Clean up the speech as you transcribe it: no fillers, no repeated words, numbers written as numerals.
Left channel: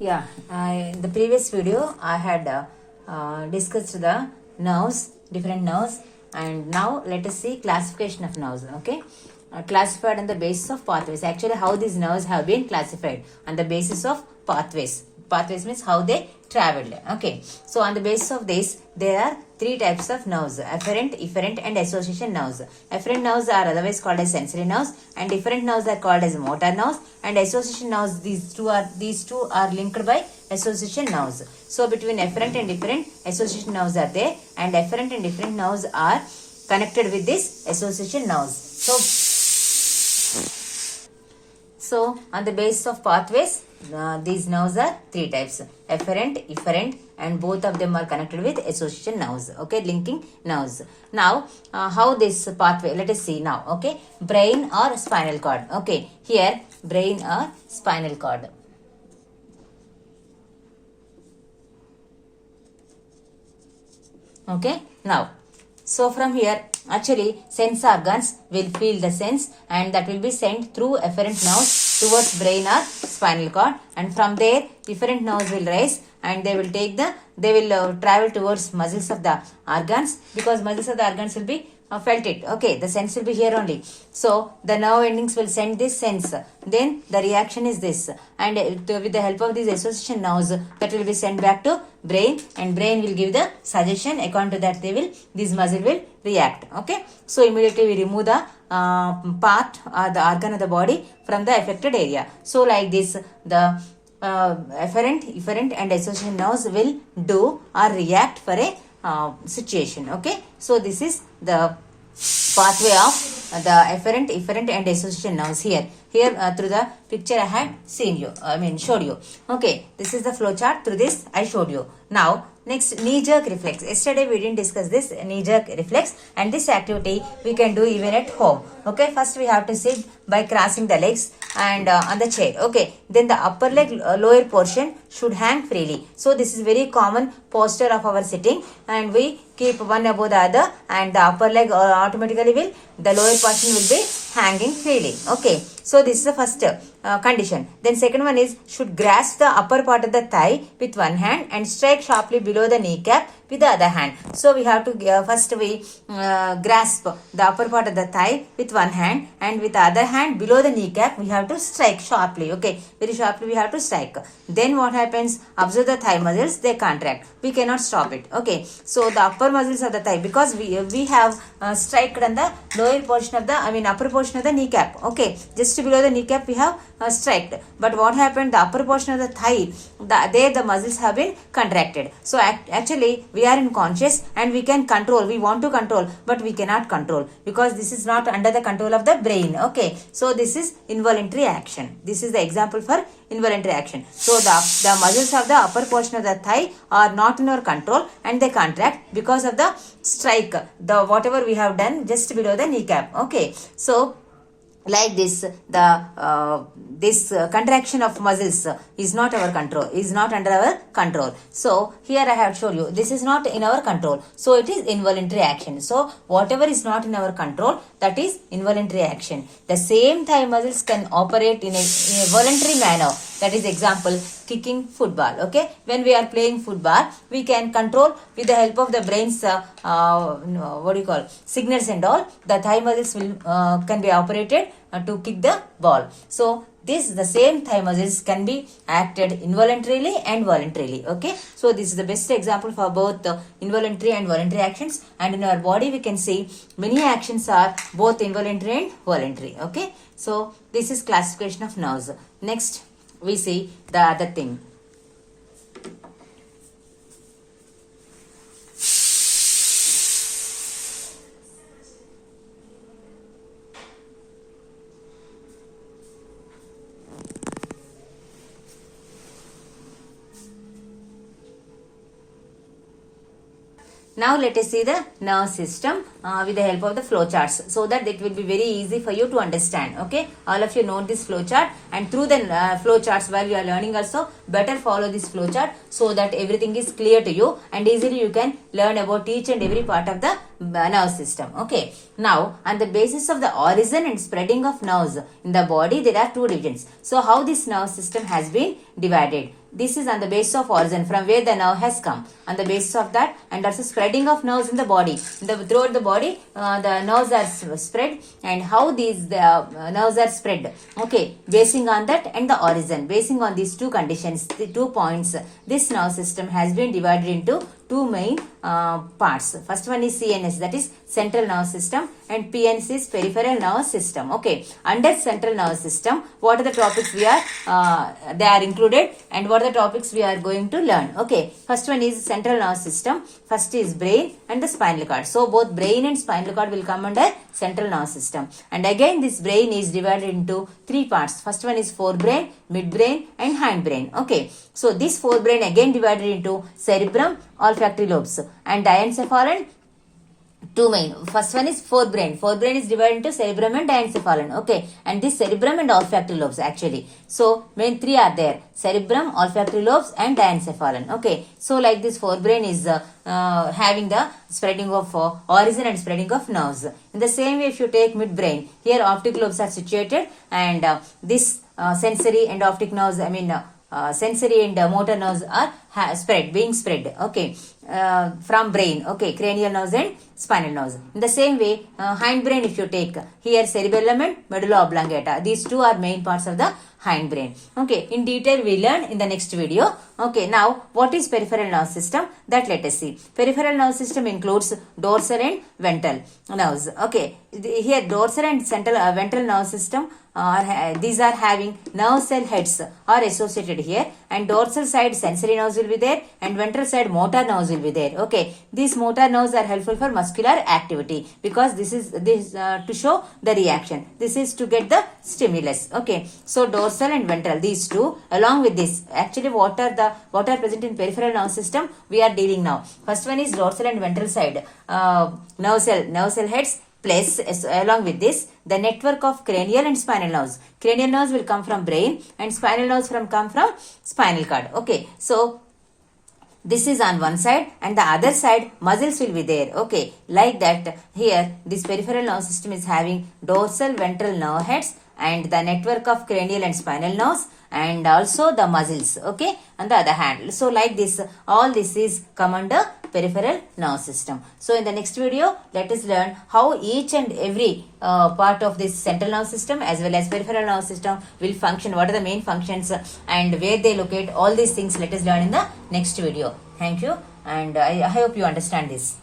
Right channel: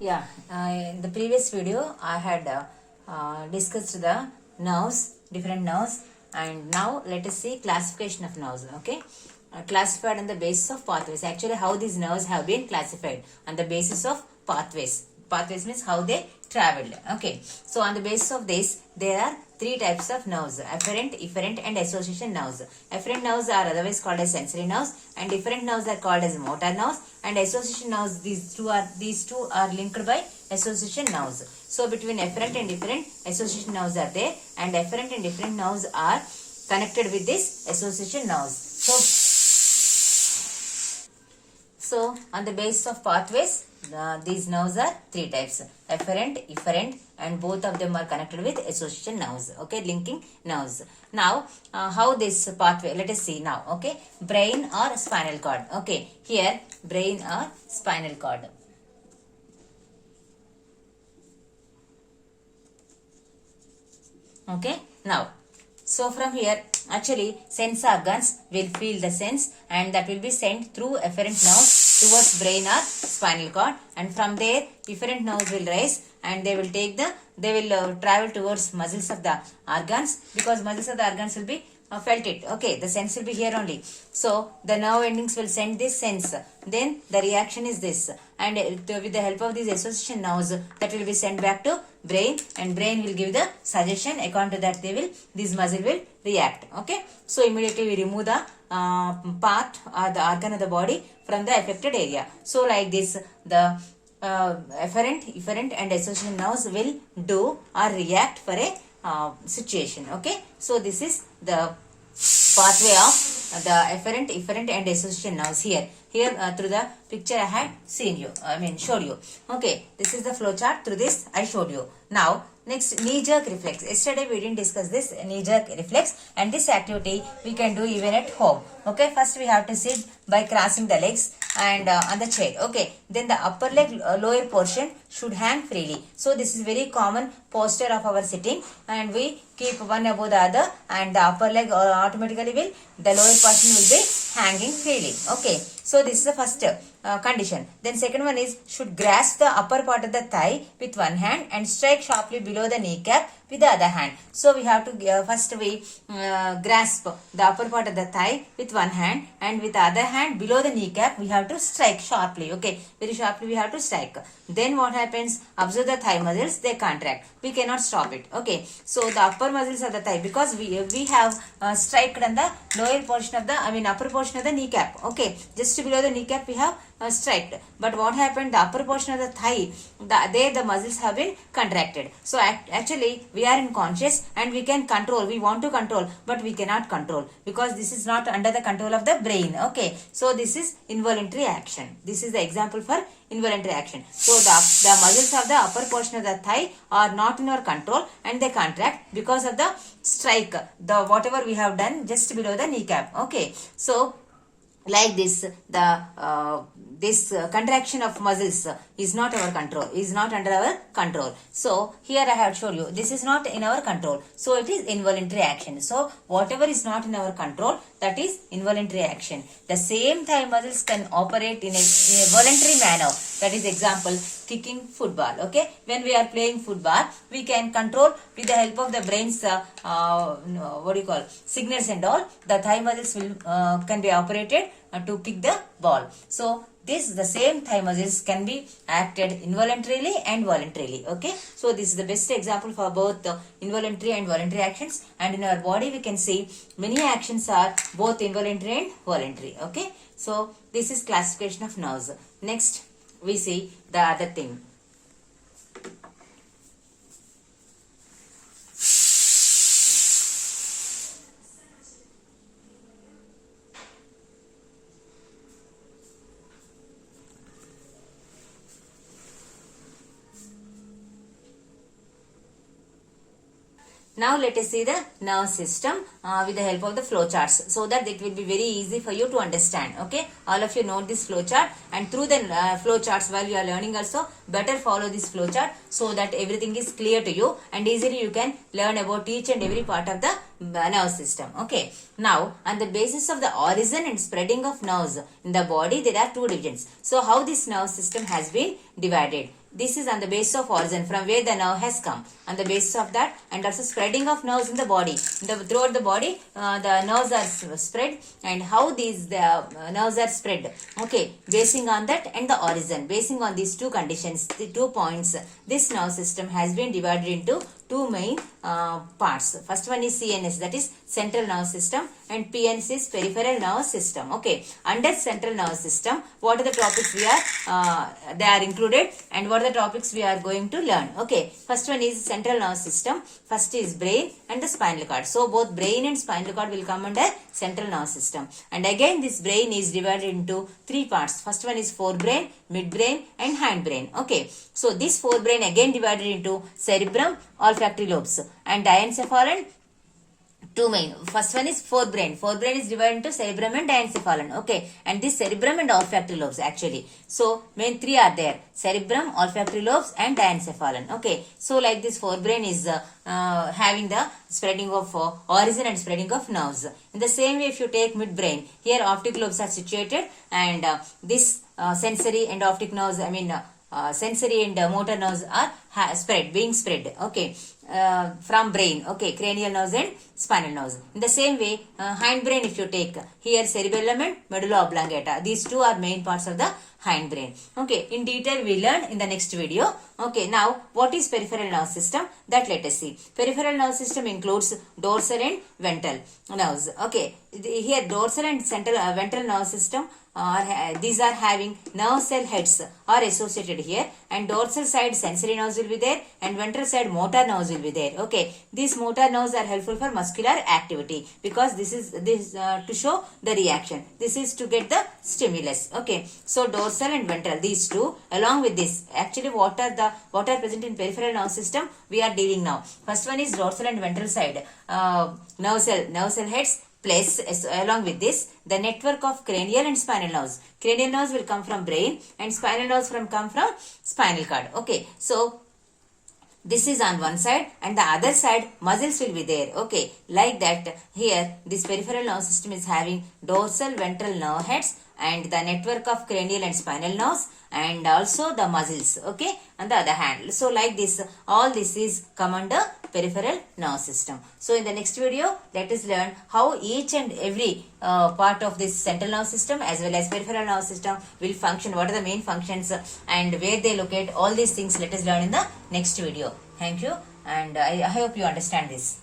Yeah, in the previous video I had discussed the nerves, different nerves, and now let us see classification of nerves. Okay, classified on the basis of pathways. Actually, how these nerves have been classified on the basis of pathways. Pathways means how they traveled. Okay, so on the basis of this, there are three types of nerves: afferent, efferent, and association nerves. Afferent nerves are otherwise called as sensory nerves, and efferent nerves are called as motor nerves, and association nerves, these two are linked by association nerves. So between afferent and efferent, association nerves are there, and afferent and efferent nerves are connected with this association nerves. So on the basis of pathways, these nerves are three types: afferent, efferent, and both of them are connected with association nerves. Okay, linking nerves. Now, how this pathway? Let us see now. Okay, brain or spinal cord. Okay, here brain or spinal cord. Okay, now. So from here, actually, sense organs will feel the sense, and that will be sent through afferent nerves towards brain or spinal cord, and from there, efferent nerves will rise, and they will travel towards muscles of the organs, because muscles of the organs will be felt it. Okay, the sense will be here only. So the nerve endings will send this sense. Then the reaction is this, and with the help of these association nerves, that will be sent back to brain, and brain will give the suggestion. According to that, this muscle will react. Okay, so immediately we remove the part or the organ of the body from the affected area. So like this, the afferent, efferent, and association nerves will do or react for a situation. Okay, so this is the pathway of the afferent, efferent, and association nerves. Here through the picture I had showed you. Okay, this is the flow chart. Through this I showed you. Now next, knee jerk reflex. Yesterday we didn't discuss this knee jerk reflex, and this activity we can do even at home. Okay, first we have to sit by crossing the legs and on the chair. Okay, then the upper leg lower portion should hang freely. So this is very common posture of our sitting, and we keep one above the other, and the upper leg automatically the lower portion will be hanging freely. Okay, so this is the first condition. Then second one is, should grasp the upper part of the thigh with one hand and strike sharply below the kneecap with the other hand. So we have to first we grasp the upper part of the thigh with one hand, and with the other hand below the kneecap we have to strike sharply. Okay, very sharply we have to strike. Then what happens? Observe the thigh muscles, they contract. We cannot stop it. Okay, so the upper muscles of the thigh, because we have striked on the lower portion of the upper portion of the kneecap. Okay, just below the kneecap we have striked. But what happened? The upper portion of the thigh, there the muscles have been contracted. So actually we are unconscious and we can control. We want to control, but we cannot control, because this is not under the control of the brain. Okay, so this is involuntary action. This is the example for involuntary action. So the muscles of the upper portion of the thigh are not in our control, and they contract because of the strike, the whatever we have done just below the kneecap. Okay, so like this, the contraction of muscles is not our control, is not under our control. So here I have shown you, this is not in our control, so it is involuntary action. So whatever is not in our control, that is involuntary action. The same thigh muscles can operate in a voluntary manner. That is example, kicking football. Okay, when we are playing football, we can control with the help of the brain's signals and all. The thigh muscles will can be operated to kick the ball. So the same thigh muscles can be acted involuntarily and voluntarily. Okay, so this is the best example for both involuntary and voluntary actions. And in our body we can see many actions are both involuntary and voluntary. Okay, so this is classification of nerves. Next we see the other thing. Now let us see the nerve system with the help of the flow charts, so that it will be very easy for you to understand. Okay, all of you know this flow chart, and through the flow charts while you are learning also, better follow this flow chart so that everything is clear to you, and easily you can learn about each and every part of the nerve system. Okay, now on the basis of the origin and spreading of nerves in the body, there are two divisions. So how this nerve system has been divided? this is on the basis of origin from where the nerve has come. On the basis of that, and also spreading of nerves in the body. Throughout the body, the nerves are spread, and how these nerves are spread. Okay, basing on that and the origin, basing on these two conditions, the 2 points, this nerve system has been divided into two main parts. First one is CNS, that is central nervous system, and PNS is peripheral nervous system. Okay, under central nervous system, what are the topics we are they are included, and what are the topics we are going to learn. Okay, first one is central nervous system. First is brain and the spinal cord. So both brain and spinal cord will come under central nervous system. And again, this brain is divided into three parts. First one is forebrain, midbrain, and hindbrain. Okay, so this forebrain again divided into cerebrum, olfactory lobes, and diencephalon. Two main. First one is forebrain. Forebrain is divided into cerebrum and diencephalon. Okay, and this cerebrum and olfactory lobes actually. So main three are there: cerebrum, olfactory lobes, and diencephalon. Okay, so like this forebrain is having the spreading of origin and spreading of nerves. In the same way, if you take midbrain, here optic lobes are situated, and this sensory and optic nerves, sensory and motor nerves are being spread, okay, from brain, okay, cranial nerves and spinal nerves. In the same way, hindbrain, if you take here cerebellum and medulla oblongata, these two are main parts of the hindbrain. Okay, in detail we learn in the next video. Okay, now what is peripheral nerve system? That let us see. Peripheral nerve system includes dorsal and ventral nerves. Okay, here dorsal and central ventral nerve system these are having nerve cell heads are associated here, and dorsal side sensory nerves will be there, and ventral side motor nerves will be there. Okay, these motor nerves are helpful for muscular activity, because this is to show the reaction. This is to get the stimulus. Okay, so dorsal and ventral, these two, along with this, actually what are present in peripheral nerve system we are dealing now. First one is dorsal and ventral side nerve cell heads. Plus, along with this, the network of cranial and spinal nerves. Cranial nerves will come from brain, and spinal nerves come from spinal cord. Okay, so this is on one side, and the other side muscles will be there. Okay, like that here this peripheral nerve system is having dorsal ventral nerve heads and the network of cranial and spinal nerves, and also the muscles, okay, on the other hand. So like this, all this is come under peripheral nerve system. So in the next video, let us learn how each and every part of this central nerve system as well as peripheral nerve system will function, what are the main functions and where they locate. All these things let us learn in the next video. Thank you, and I hope you understand this.